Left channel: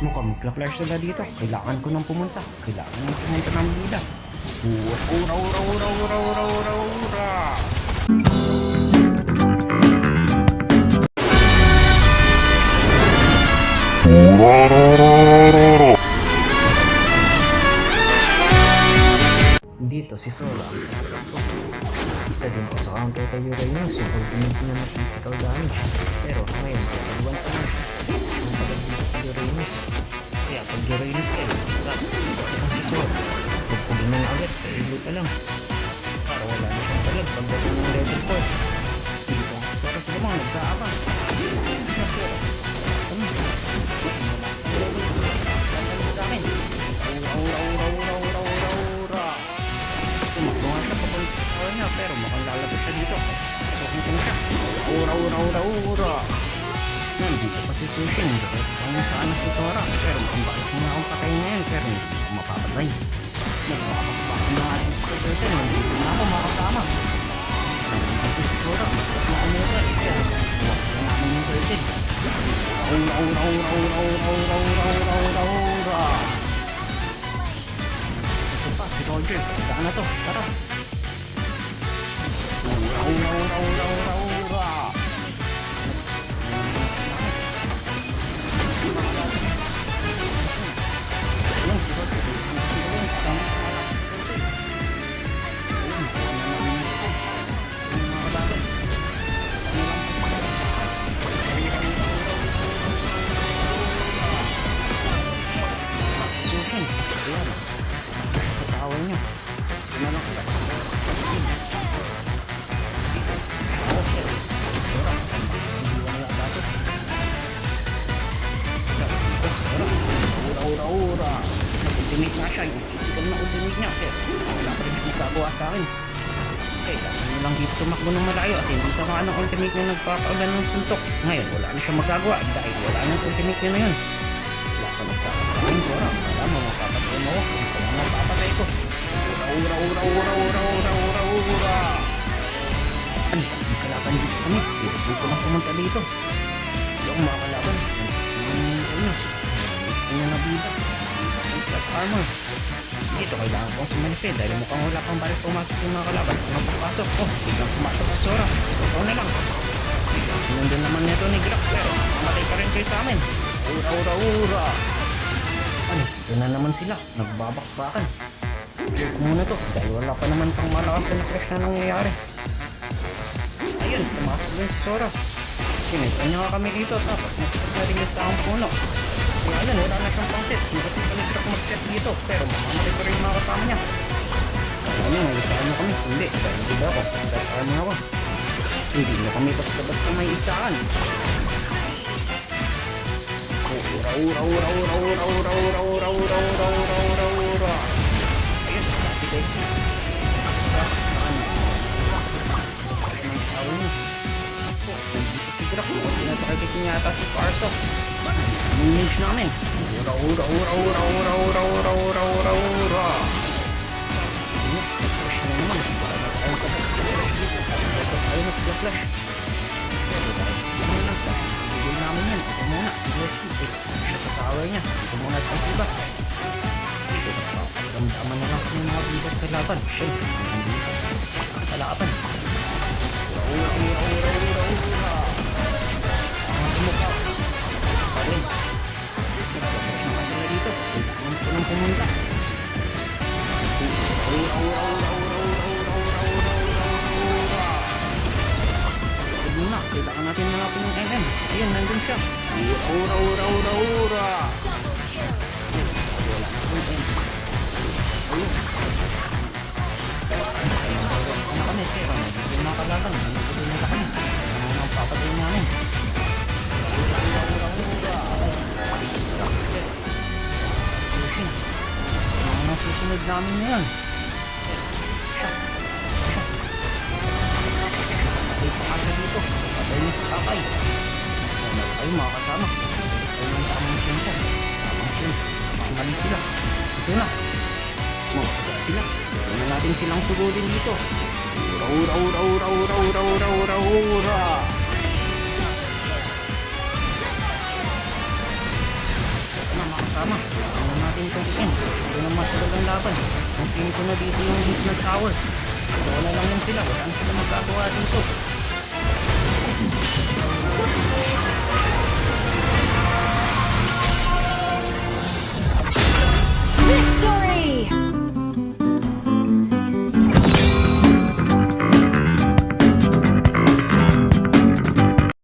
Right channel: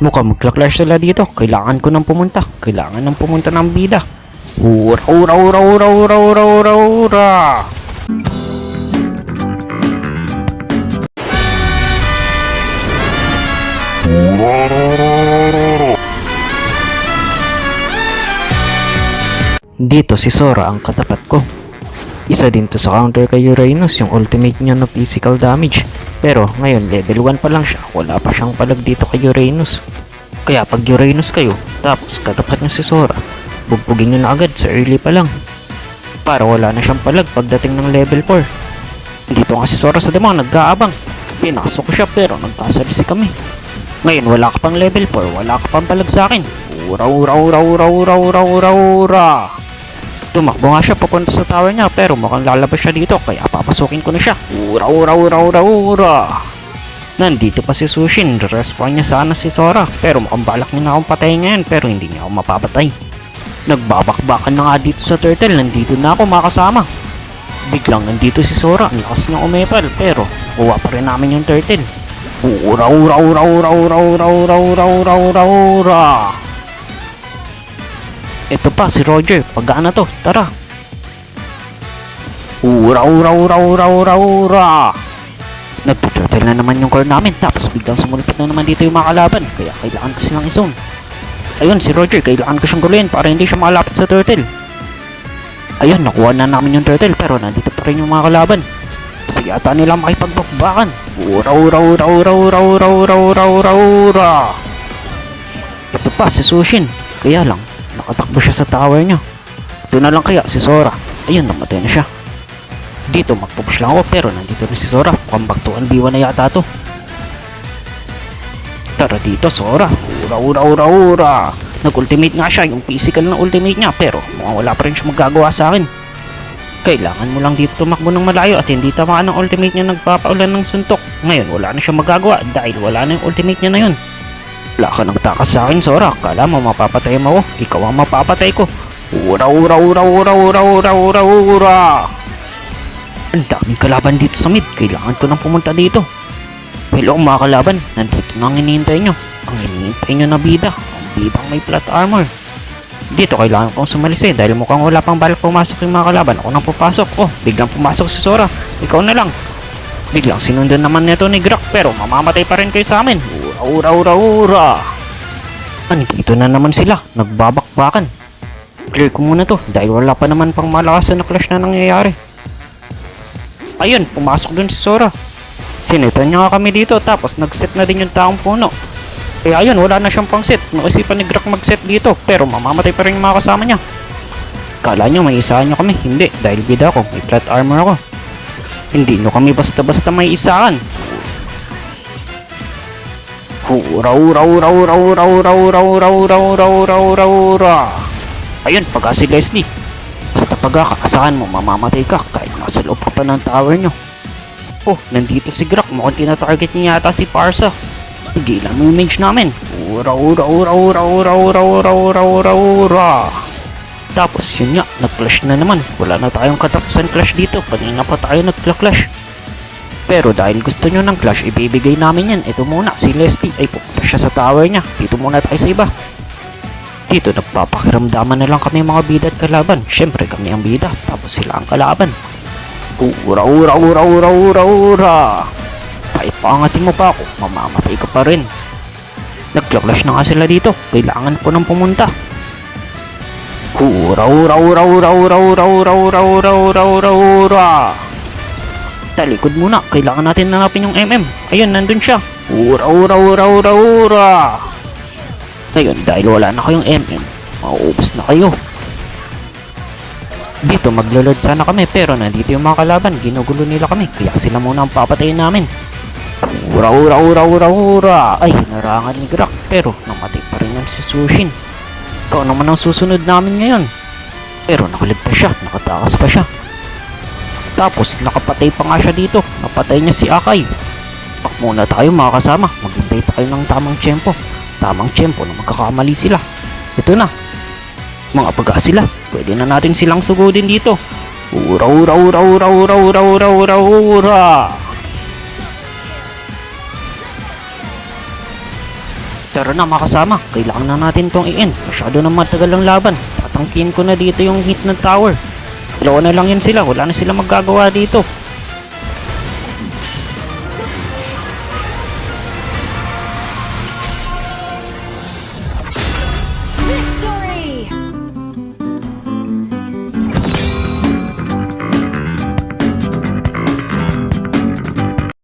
Mukhang magka-clash sila dito. Kailangan ko nang pumunta. Kailangan nang pumunta ng bida. Ura, ura, ura, ura, ura, ura, ura, ura. Dito si Sora ang katapat ko. Isa din to sa counter kay Uranus, yung ultimate niya na physical damage. Pero ngayon level 1 pa lang siya, wala pa siyang palag dito kay Uranus. Kaya pag Uranus kayo, tapos katapat niyo si Sora, bubugin niyo na agad sa early pa lang. Para wala na siyang palag pagdating ng level 4. Dito nga si Sora sa demon, nag-aabang. Pinasok ko siya pero nagkasabisi kami. Ngayon wala ka pang level 4, wala ka pang palag sa akin. Ura, ura, ura, ura, ura, ura, ura, ura. Tumakbo nga siya papunta sa tower niya pero mukhang lalabas siya dito kaya papasukin ko na siya. Ura, ura, ura, ura, ura. Nandito pa si Sushin, respawn niya sana si Sora pero mukhang balak niya na akong patayin ngayon pero hindi niya ako mapapatay. Nagbabakbakan na nga dito sa turtle, nandito na ako makasama. Biglang nandito si Sora, ang lakas niya umepal pero buwa pa rin namin yung turtle. Ura, ura, ura, ura, ura, ura, ura, ura, ura, ura, ura. Ito pa si Roger, pagana to, tara. Ura, ura, ura, ura, ura, ura. Nagtuturtle na naman yung core namin tapos biglang sumulpot na naman dito yung mga kalaban kaya kailangan ko silang i-zone. Ayun si Roger, kailangan ko siyang guluhin para hindi siya makalapit sa turtle. Ayun, nakuha na namin yung turtle pero nandito pa rin yung mga kalaban. Gusto yata nila makipagbakbakan. Ura, ura, ura, ura, ura, ura, ura, ura, ura, ura. Ito pa si Sushin, kaya lang nakatakbo siya sa tower niya. Ito na lang kaya si Sora. Ayun, namatay na siya. Dito magpupush lang ako pero nandito na si Sora. Mukhang back to 1v1 na yata to. Tara dito Sora. Ura, ura, ura, ura. Nag-ultimate nga siya, yung physical na ultimate niya pero wala pa rin siya magagawa sa akin. Kailangan mo lang dito tumakbo ng malayo at hindi tamaan ng ultimate niya nagpapaulan ng suntok. Ngayon wala na siya magagawa dahil wala na yung ultimate niya na yun. Wala ka nang takas sa akin Sora. Kala mo mapapatay mo ako. Ikaw ang mapapatay ko. Ura, ura, ura, ura, ura, ura, ura, ura. Ang daming kalaban dito sa mid. Kailangan ko nang pumunta dito. Hello mga kalaban. Nandito na ang hinihintay nyo. Ang hinihintay nyo na bida. Bida may plot armor. Dito kailangan kong sumalis dahil mukhang wala pang balak pumasok yung mga kalaban. Ako nang pupasok. Oh, biglang pumasok si Sora. Ikaw na lang. Biglang sinundan naman nito ni Grak pero mamamatay pa rin kayo sa amin. Ura, ura, ura, ura. Andito na naman sila. Nagbabakbakan. Clear ko muna to dahil wala pa naman pang malakas na clash na nangyayari. Ayun, pumasok dun si Sora. Sinitan niya nga kami dito tapos nag-set na din yung taong puno. Kaya ayun, wala na siyang pang set. Naisipan ni Grak mag-set dito pero mamamatay pa rin yung mga kasama niya. Kala niyo may isahan niyo kami. Hindi, dahil bida ako. May plot armor ako. Hindi nyo kami basta-basta may isahan. Ura, ura, ura, ura, ura, ura, ura, ura, ura, ura, ura, ura, ura. Ayun, pagka si Leslie. Basta pagka kakasahan mo, mamamatay ka. Kahit nasa loob ka pa ng tower nyo. Oh, nandito si Grak. Mukhang tinatarget niya yata si Parsa. Hindi lang yung mage namin. Ura, ura, ura, ura, ura, ura, ura, ura, ura, ura. Tapos yun nga, nag-clash na naman. Wala na tayong katapusan clash dito. Kanina pa tayo nag-clash. Pero dahil gusto nyo ng clash, ibibigay namin yan. Ito muna, si Leslie ay pupunta siya sa tower niya. Dito muna tayo sa iba. Dito nagpapakiramdaman na lang kami mga bida at kalaban. Siyempre kami ang bida, tapos sila ang kalaban. Ura, ura, ura, ura, ura, ura. Kahit paangatin mo pa ako, mamamatay ka pa rin. Nag-clash na nga sila dito. Kailangan ko nang pumunta. Ura, ura, ura, ura, ura, ura, ura, ura, ura, ura, ura, ura. Talikod muna, kailangan natin nanapin yung MM. Ayun, nandun siya. Ura, ura, ura, ura, ura. Ayun, dahil wala na kayong MM, mauubos na kayo. Dito maglo-load sana kami pero nandito yung mga kalaban. Ginugulo nila kami, kaya sila muna ang papatayin namin. Ura, ura, ura, ura, ura. Ay, narangan ni Grak pero namatay pa rin yung si Sushin. Ikaw naman ang susunod namin ngayon. Pero nakaligtas siya, nakatakas pa siya. Tapos nakapatay pa nga siya dito. Napatay niya si Akai. Pak muna tayo mga kasama. Maghintay pa kayo ng tamang tiyempo. Tamang tiyempo na magkakamali sila. Ito na. Mga pagka sila. Pwede na natin silang sugudin dito. Ura, ura, ura, ura, ura, ura, ura, ura, ura. Tara na mga kasama, kailangan na natin tong i-end. Masyado na matagal ang laban. Tatangkin ko na dito yung hit ng tower. Dalawa na lang yun sila, wala na sila magagawa dito.